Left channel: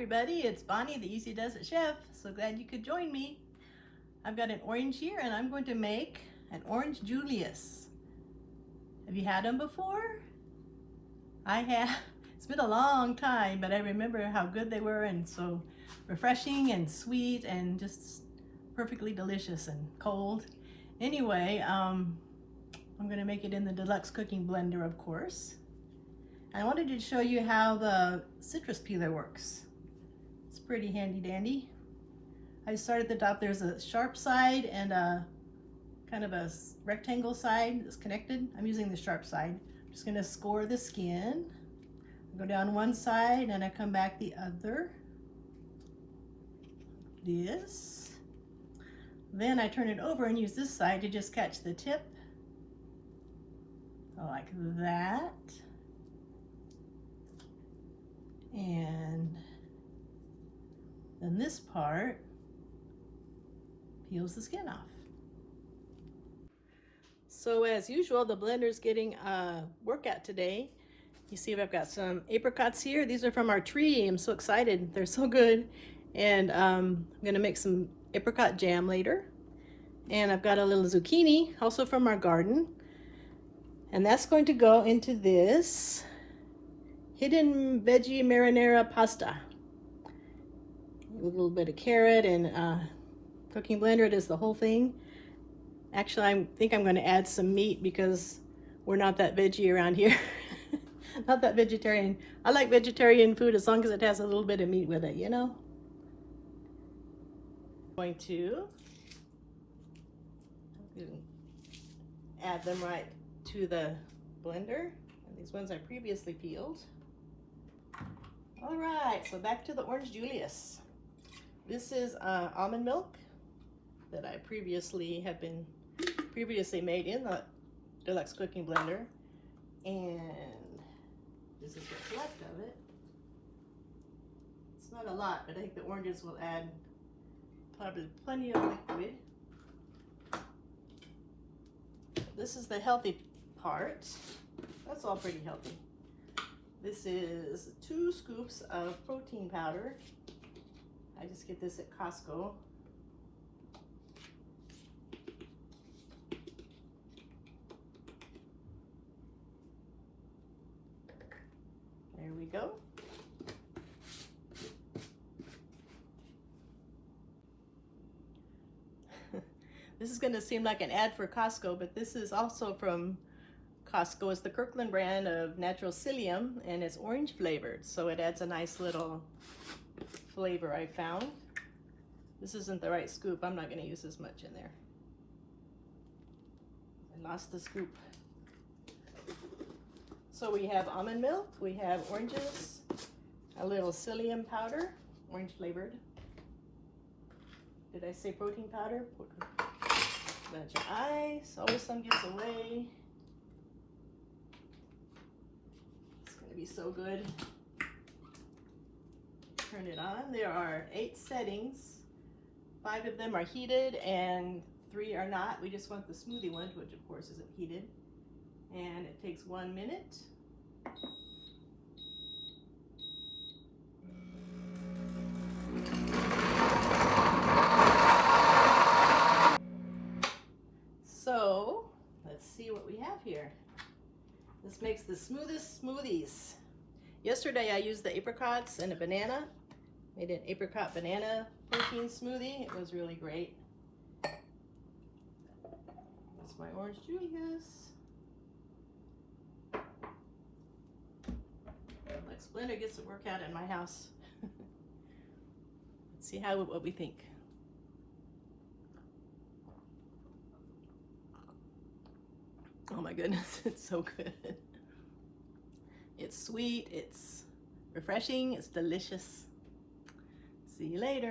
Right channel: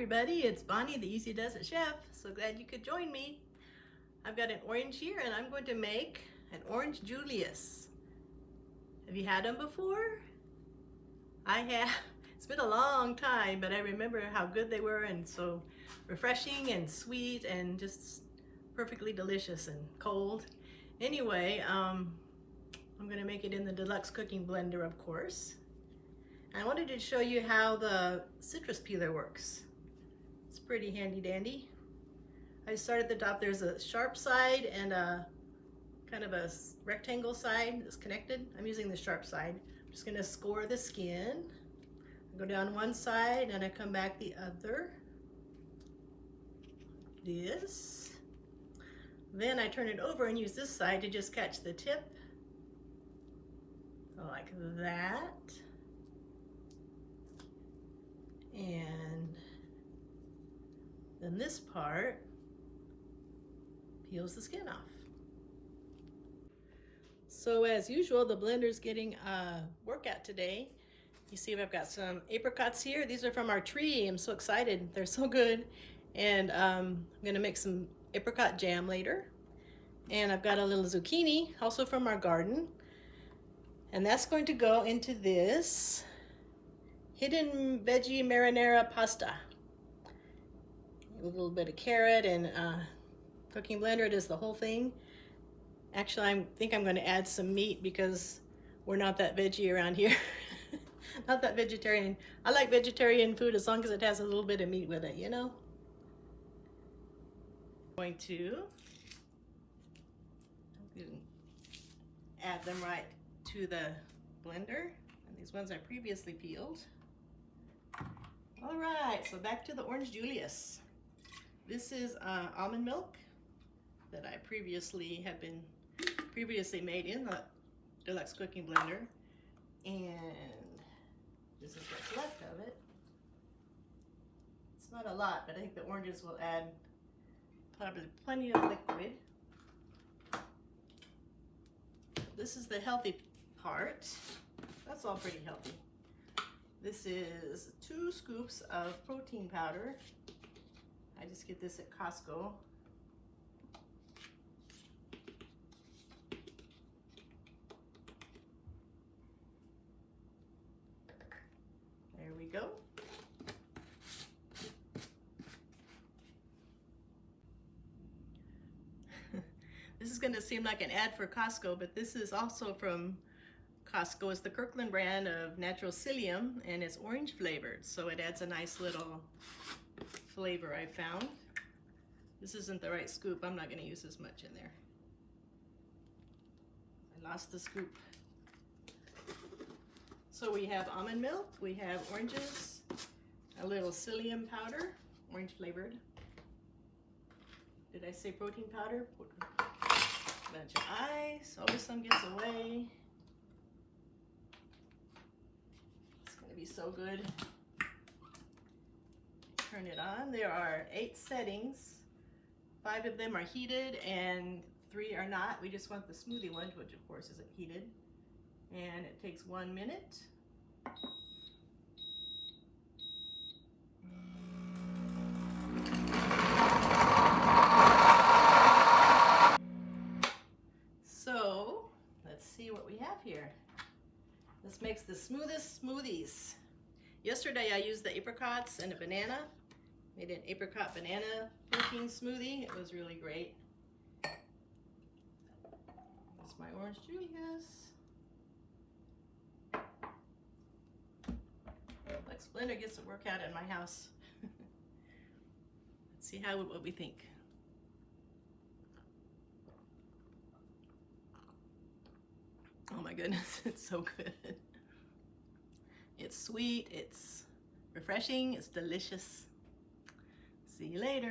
everybody, it's Bonnie, the Easy Does It Chef. So glad you could join me. I've got an orange here and I'm going to make an Orange Julius. Have you had them before? I have. It's been a long time, but I remember how good they were and so refreshing and sweet and just perfectly delicious and cold. Anyway, I'm going to make it in the deluxe cooking blender, of course. I wanted to show you how the citrus peeler works. It's pretty handy dandy. I start at the top. There's a sharp side and a kind of a rectangle side that's connected. I'm using the sharp side. I'm just going to score the skin. I go down one side and I come back the other. This. Then I turn it over and use this side to just catch the tip. Like that. And then this part peels the skin off. So as usual, the blender's getting a workout today. You see I've got some apricots here. These are from our tree. I'm so excited. They're so good. And I'm gonna make some apricot jam later. And I've got a little zucchini, also from our garden. And that's going to go into this hidden veggie marinara pasta. A little bit of carrot and cooking blender. It is the whole thing. Actually, I think I'm going to add some meat because we're not that veggie around here. Not that vegetarian. I like vegetarian food as long as it has a little bit of meat with it, you know? I'm going to add them right to the blender. And these ones I previously peeled. All right, so back to the Orange Julius. This is almond milk that I previously made in the deluxe cooking blender, and this is what's left of it. It's not a lot, but I think the oranges will add probably plenty of liquid. This is the healthy part. That's all pretty healthy. This is 2 scoops of protein powder. I just get this at Costco. There we go. This is going to seem like an ad for Costco, but this is also from Costco. It's the Kirkland brand of natural psyllium, and it's orange flavored, so it adds a nice little flavor I found. This isn't the right scoop. I'm not going to use as much in there. I lost the scoop. So we have almond milk, we have oranges, a little psyllium powder, orange flavored. Did I say protein powder? Bunch of ice. Always some gives away. Be so good. Turn it on. There are 8 settings. 5 of them are heated and 3 are not. We just want the smoothie one, which of course isn't heated. And it takes 1 minute. So let's see what we have here. This makes the smoothest smoothies. Yesterday I used the apricots and a banana. Made an apricot banana protein smoothie. It was really great. That's my Orange Julius. Like Splendor gets to work out in my house. Let's see what we think. Oh my goodness, it's so good. It's sweet, it's refreshing, it's delicious. See you later.